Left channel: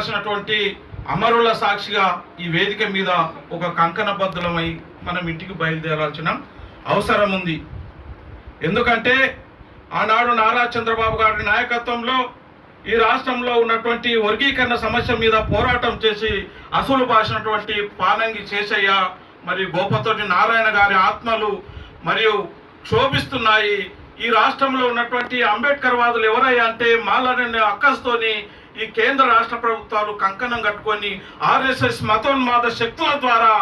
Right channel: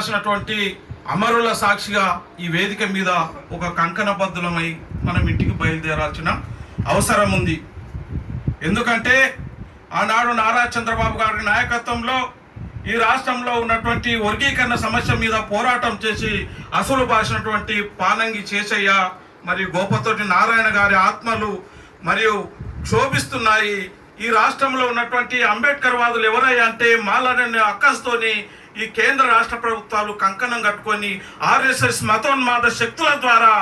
బాసినటువంటి అమరుల సాక్షిగా ఈ వేదిక మీద ఒక కంకణబద్ధులమై మనం ఇంటికి బయలుదేరాల్సిన అవసరం ఉంది. ఎందుకంటే ఆనాడు నారా చంద్రబాబు గారి నాయకత్వంలో ఈ రాష్ట్రంలో ఉన్నటువంటి వర్గీకరణ సమస్య మీద పోరాటం చేసి అసలు బాసినటువంటి పానంగి చేసయ్య మరియు గోపతోటి నారాయణ గారి ఆత్మలు మరియు క్షోభిస్తున్నాయి. ఈ రాష్ట్రంలో ఉన్నటువంటి అంబేద్కర్ వాదులు ఎవరయ్యా అంటే మాలాడని అక్కస్తోని ఈ కేంద్ర రాష్ట్ర ప్రభుత్వాలు కంకణం కట్టుకొని ఆర్ఎస్ఎస్ మతోన్మాద శక్తుల ద్వారా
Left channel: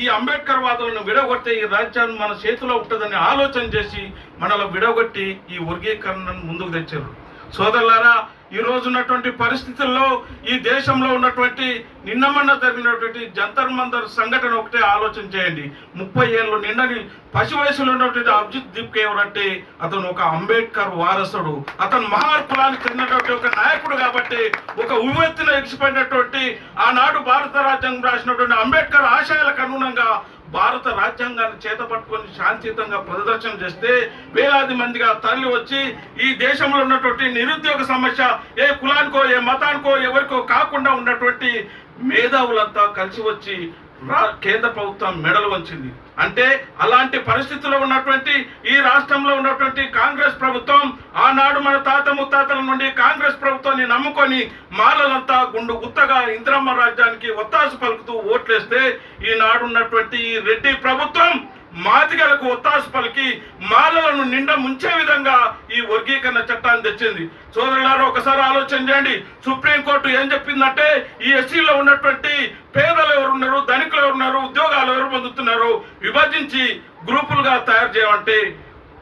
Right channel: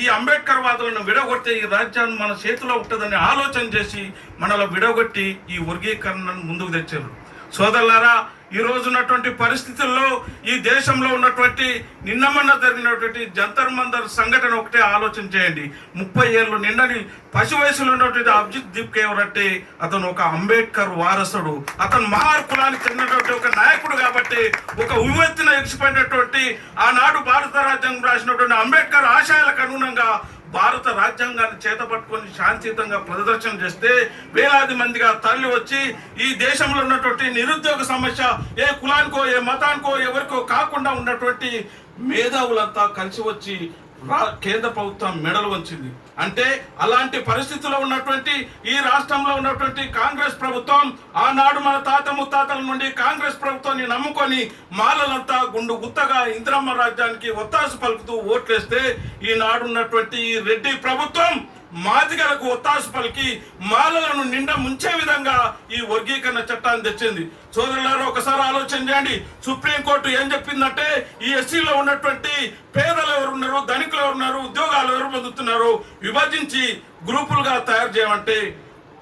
ఈ అంబేద్కర్ వాదులను విడగొట్టి ఈ రాజ్యం మన చేతిలో ఉంటుందని ఆలోచన చేసి మనలో విడగొట్టి ఈ వర్గీకరణను ముందుకు తెచ్చారు. సోదరులారా, ఈ రోజు ఉన్నటువంటి పరిస్థితుల్లో ఈ దేశంలో ఉన్నటువంటి నిన్నమన్న జరిగినటువంటి జంతర్ మంతర్ సంఘటన ఒకటే ఆలోచన చేయండి. 30 ఏళ్ళు నిండని పసి వయసులో ఉన్నటువంటి అభిజిత్ దీప్ ఎవరంటే అతను ఒక అంబేద్కర్ వారసుడు. అతను మహార్ కులానికి చెందినటువంటి ఒక నాయకుడు కాబట్టి ఒక ఉవ్వెత్తున ఎగిసిపడినటువంటి ఆనాడు భారత రాజ్యాంగం రాసినటువంటి అంబేద్కర్ ఆశయాలకు అనుగుణంగా భారత రాజ్యాంగాన్ని చేతపట్టుకొని శాంతియుతంగా ప్రదర్శన చేస్తే వేలాది మందిగా తరలి వచ్చి ఈ దేశంలో ఉన్నటువంటి నిరుద్యోగ సమస్య ఏ కులానికో ఏ మతానికో ఎవరికో కాకుండా ఉన్నటువంటి మేధావులంతా కలిసి వచ్చి కేంద్ర ప్రభుత్వం మెడలు వంచింది. అంటే అలాంటి పరిస్థితుల్లో ఉన్నటువంటి ఈ రాష్ట్రంలో ఉన్నటువంటి కాంగ్రెస్ ప్రభుత్వం ఆనాడు మన తాత ముత్తాతల నుండి కాంగ్రెస్ ప్రభుత్వాన్ని నమ్ముకొని మాలలంతా గుండు గుత్తగా ఇందిరమ్మ రాజ్యానికి ఒత్తాసు పలుకుతూ ఓట్లేస్తే ఈనాడు ఉన్నటువంటి ఈ రెడ్డి ప్రభుత్వం మాదిగలకు ఒత్తాసు పలికి మాలలను నిండా ముంచే విధంగా ఈ వర్గీకరణ చట్టాన్ని తెచ్చింది. సోదరులారు, ఒకసారి ఆలోచన చేయండి. సుప్రీంకోర్టు ఏం చెప్పిందంటే ఈ ఎస్సీలో ఉన్నటువంటి పేదలు ఎవరున్నారు, ధనికులు ఎవరున్నారు, ఉద్యోగాలు ఎవరు పొందుతున్నారు విభజించి గ్రూపులుగా తయారు చేయమంటే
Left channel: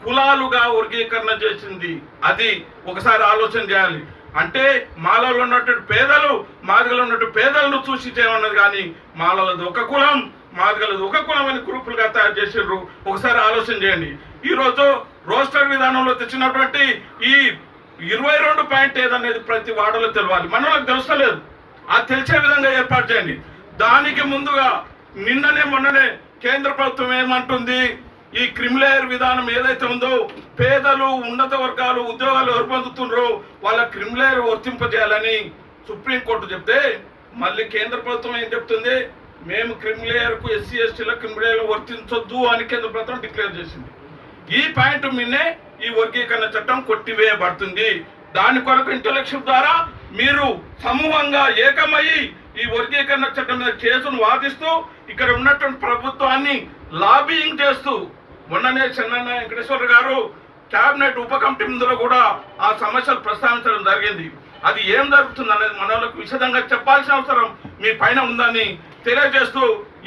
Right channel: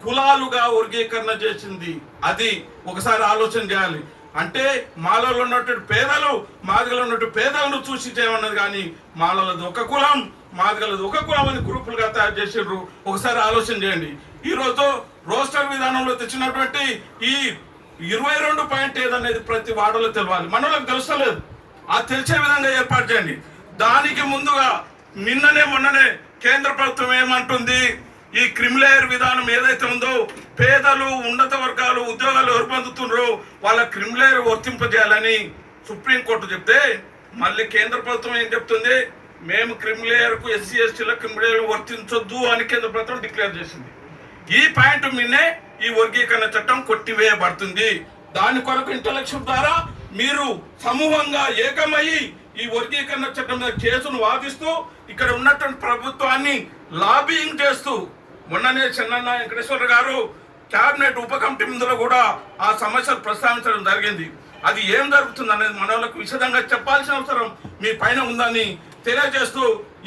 కులాలుగా వర్గీకరణ చేసింది. అది ఒకసారి ఆలోచన చేయాలి. అంటే మాలలో ఉన్నటువంటి పేదలు మాదిగలో ఉన్నటువంటి పేదలను చూసి చేయమన్నది కానీ మాలలది ఒక కులం మాదిగలది ఒక కులం అని గ్రూపులుగా తయారు చేసారు. ఒకసారి ఆలోచన చేయండి. ఈరోజు రోస్టర్ విధానంలో తెచ్చినటువంటి ఈ 22 పాయింట్ ఏదనేది ప్రతి వాడలో తెలియాలి. మనకు తెలుస్తలేదు. అది తెలిసే విధంగా ఏర్పాటు చేయండి. దానికి ముందుగా మొన్ననే కేంద్ర ప్రభుత్వం ఏమంటుంది, ఈ క్రిమిలేయర్ విధానం ఏదైతే ఉందో పేదలు ఉన్నత వర్గాలు ఉద్యోగాలు ఎవరు పొందుతున్నారో వాళ్ళ క్రిమిలేయర్ వర్తింపజేయాలని సుప్రీంకోర్టు చెప్తే మళ్ళీ కేంద్ర ప్రభుత్వం ఏం చెప్తుంది, మేము క్రిమిలేయర్కు ఎస్సీ ఎస్టీల క్రిమిలేయర్ వర్తించొద్దు అని కేంద్ర ప్రభుత్వం డిక్లేర్ చేసింది. ఈ పాయింట్ మీదే ఈ వర్గీకరణ చట్టం కొట్టివేయబడుతుంది. దాని కొరకు ఇంటలెక్చువల్ ద్వారా మీరు సమూహంగా ఏకమయ్యి ఈ వర్గీకరణ చట్టం మీద కేసును వాదిస్తూ ఇక్కడ ఉన్నటువంటి ప్రభుత్వాన్ని లాబియింగ్ చేస్తూ మొన్ననే చెన్నన్న వెంకటేశ్వర గారు కేబినెట్ ఉప కమిటీ ముందులో కూడా ఆ సమస్యలు ప్రస్తావించడం జరిగింది. అది ఏం జరుగుతుంది అనేది మనకు విశదంగా చెప్పాల్సిన అవసరం మీ పైన ఉందని తెలియజేస్తూ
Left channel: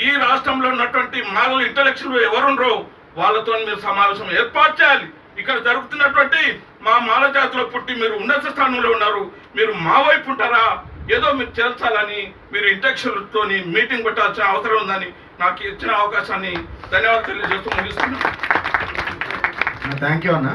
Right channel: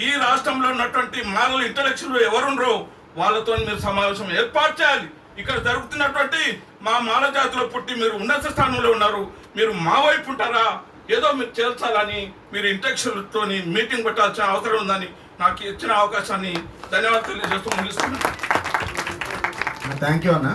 ఈ రాష్ట్రంలో ఉన్నటువంటి మాలలు ఇంటలెక్చువల్ ఎవరుండ్రో వాళ్ళతో మీరు సమావేశం ఏర్పాటు చేయాలి. ఇక్కడ జరుగుతున్నటువంటి మా మాల జాతిలో పుట్టి మీరు ఉన్నత స్థానంలో ఉన్నారు, మీరు మా వైపు ఉంటారా, ఏదో మీరు చేర్చాలని మీరు ఇంటెక్చువల్తో మీటింగ్ పెట్టాల్సిన అవసరం ఉందని నాకు ఇచ్చిన అవకాశాన్ని ధన్యవాదాలు తెలియజేస్తూ ముగిస్తున్నాను. థ్యాంక్ యూ అన్న.